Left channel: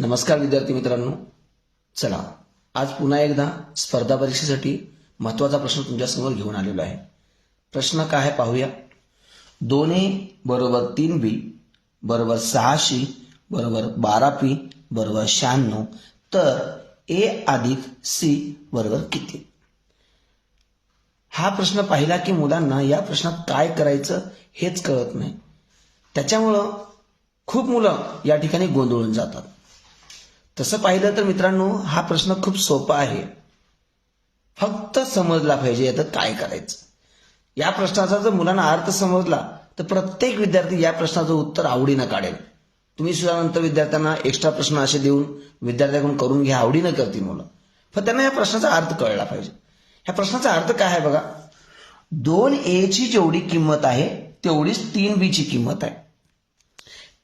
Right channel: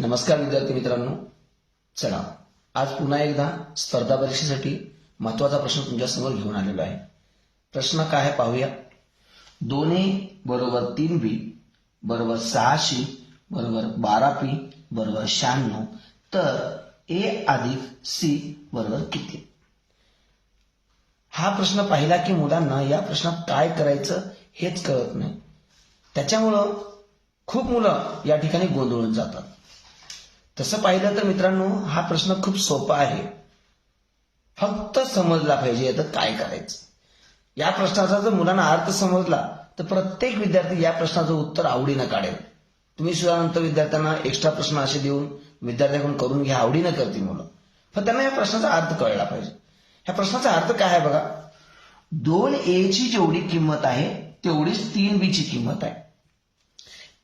नमस्कार विद्यार्थी मित्रांनो. चला आज पुन्हा एकदा स्पर्धा परीक्षेसाठी महत्त्वाचा प्रश्न तुमच्यासमोर घेऊन आलेलो आहे. प्रश्न काय आहे पाहूया. दोन ए बरोबर तीन बी बरोबर सहाशे बरोबर बारा पी बरोबर शहाण्णव तर ए अधिक सी बरोबर किती? हा प्रश्न पाहिला की मुलांना या प्रश्नात काय करायचं हेच कळत नाही. त्याच्यामुळं खूप मुलं या ठिकाणी गोंधळून जातात. तसं पाहिलं तर मित्रांनो हा प्रश्न खूप सोपा आहे. फक्त समजला पाहिजे आता काय करायचं. या प्रश्नाचा जर मुलांना अर्थ समजला तर प्रत्येक विद्यार्थी या प्रश्नाचं उत्तर आवडीनं काढेल. तुम्ही सुद्धा नंतर विद्यार्थ्यांना एक्स्ट्रा प्रश्न असे देऊन विद्यार्थ्याकडून करून घ्या आवडीनं करतील मुलं. पण त्यांना या प्रश्नाचा अर्थ कळला पाहिजे. ह्या प्रश्नाचा अर्थ काय आहे बघा? दोन ए ची जेवढी किंमत आहे तेवढीच तीन बी ची किंमत आहे.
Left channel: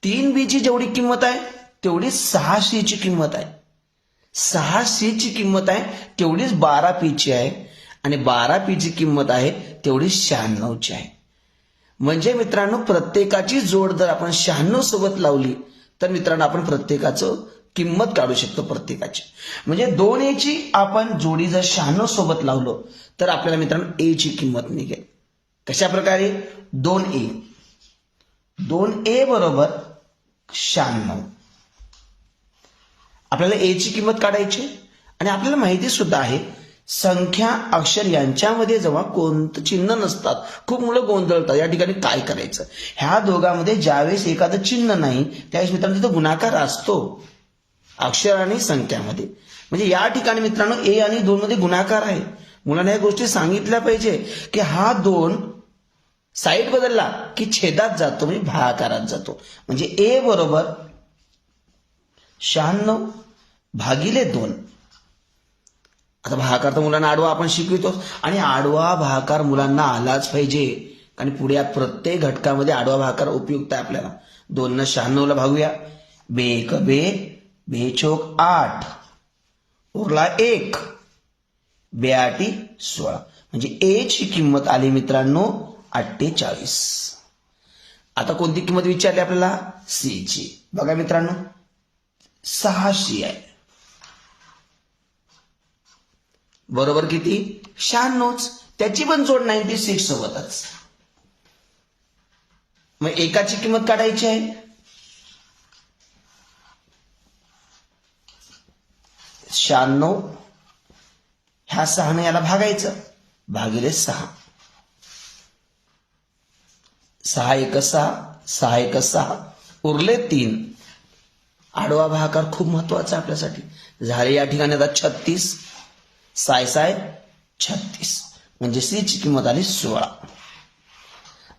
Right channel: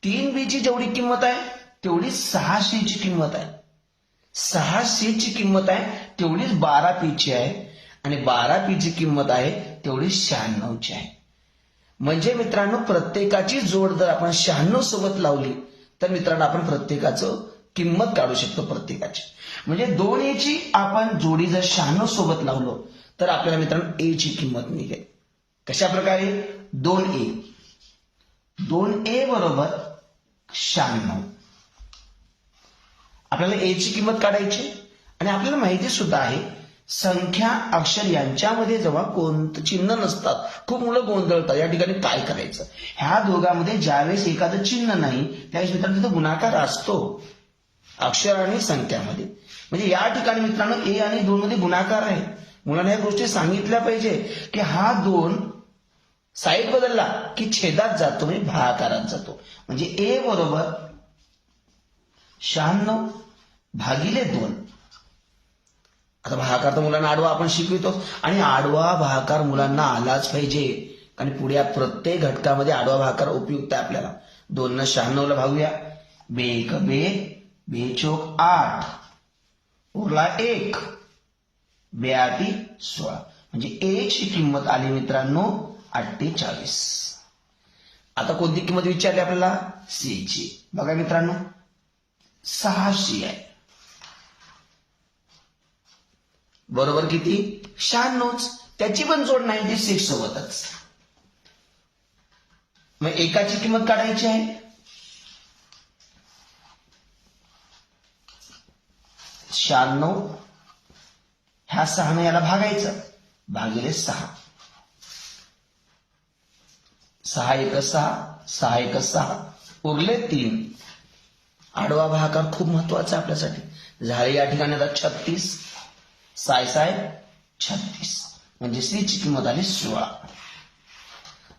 तीन बी ची जेवढी किंमत आहे तेवढीच सहाशेची ची किंमत आहे. सहा सी ची किंमत आहे तेवढीच बारा पी ची आहे. आणि बारा पी ची किंमत आहे तेवढीच शहाण्णव ची आहे. म्हणजे मित्रांनो प्रत्येकाची जोड जर आपण शहाण्णव सोबत लावली तर मित्रांनो आपण प्रत्येकाचं किंमत काढू शकतो प्रत्येकाची. म्हणजे दोन ए ची आपण जोडी जर शहाण्णव सोबत लावलो तर आपल्याला मित्रांनो ए ची किंमत निघेल. कशा प्रकारे? दोन ए दोन ए बरोबर शहाण्णव. आपल्याला ए ची किंमत काढायची आणि आपल्याला माहिती सुद्धा आहे संख्या अक्षर यांच्यामध्ये जेव्हा कोणतं चिन्ह नसतात खूप मुलं गोंधळतात या ठिकाणी काय करायचं? ह्या दोघांमध्ये ज्यावेळेस एखादं चिन्ह नाही त्यावेळेस मित्रांनो तिथं गुणाकार असतो अक्षर आणि संख्यामध्ये. म्हणजे या ठिकाणी मित्रांनो ए आणि दोन मध्ये गुणाकार आहे. मुलांना या गोष्टी सांगितल्या पाहिजे की हा दोन साईड बदलला की छेदात जातो म्हणजे भागाकारात जातो. म्हणजे ए बरोबर शहाण्णव भागिले दोन. आता भागाकार तर मुलांना आडवा आपण शिकवितो. आणि आडवा भागाकार मुलांना आलाच पाहिजे. आणि पुढे या प्रत्येक घटकामध्ये आडवा भागाकार उपयुक्त आहे आपल्याला. दोन न शहाण्णव भागूया. बे एक बे बे चोक आठ. उरला एक. बे आठी सोळा. म्हणजे एक ची किंमत आली मित्रांनो अठ्ठेचाळीस. आता कोणती किंमत विचारली आपल्याला? सी ची बघा मित्रांनो. सहाशे आहे. बरोबर किती? शहाण्णवच त्याची पण जोड नाईन्टी सिक्स सोबतच. मग एकाची किंमत काढायची आहे. शहाण्णव ह्या सहाने याला भागायचं. भागिले सहा. सहा एक सहा सहा एक सहा. उरले तीन. आडवा भागाकार खूप महत्त्वाचा आहे आपल्यासाठी. झाले या ठिकाणी आता छत्तीस. साय साय छत्तीस. म्हणजे सीची किंमत आली सोळा.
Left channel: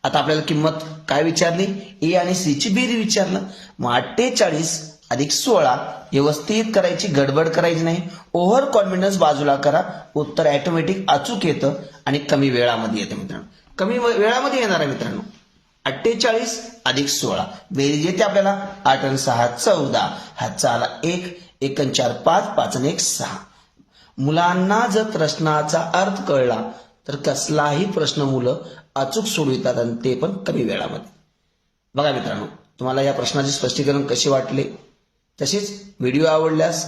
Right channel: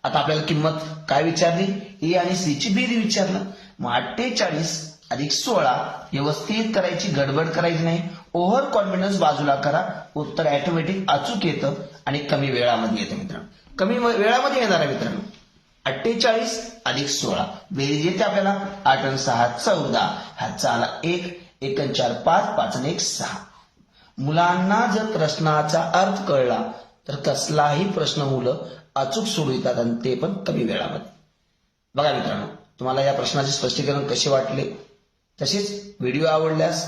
आता आपल्याला किंमत काय विचारली? ए आणि सीची बेरी विचारलं. मग अठ्ठेचाळीस अधिक सोळा व्यवस्थित करायची गडबड करायची नाही. ओव्हर कॉन्फिडन्स बाजूला करा. उत्तर ऑटोमॅटिक अचूक येतं आणि कमी वेळामध्ये येतं मित्रांनो. कमी वेळामध्ये येणार आहे मित्रांनो. अठ्ठेचाळीस अधिक सोळा. बेरीज येते आपल्याला. आठ आणि सहा चौदा. हातचा आला एक एक चार पाच पाच आणि एक सहा. मुलांना जर प्रश्नाचा अर्थ कळला तर कसलाही प्रश्न मुलं अचूक सोडवितात आणि ते पण कमी वेळामध्ये. बघा मित्रांनो तुम्हाला या प्रश्नाचे स्पष्टीकरण कसे वाटले? तसेच व्हिडिओ आवडल्यास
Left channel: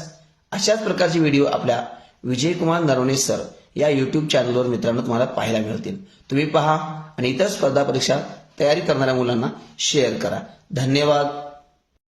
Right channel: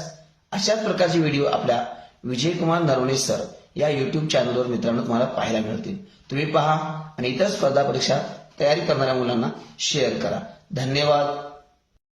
अशाच प्रकारचे व्हिडिओ आपल्या विजयकुमार नरवणे सर या युट्यूब चॅनलवर मित्रांनो तुम्हाला पाहायला मिळतील. तुम्ही पहा आणि इतर स्पर्धा परीक्षा तयारी करणाऱ्या मुलांना शेअर करा. धन्यवाद.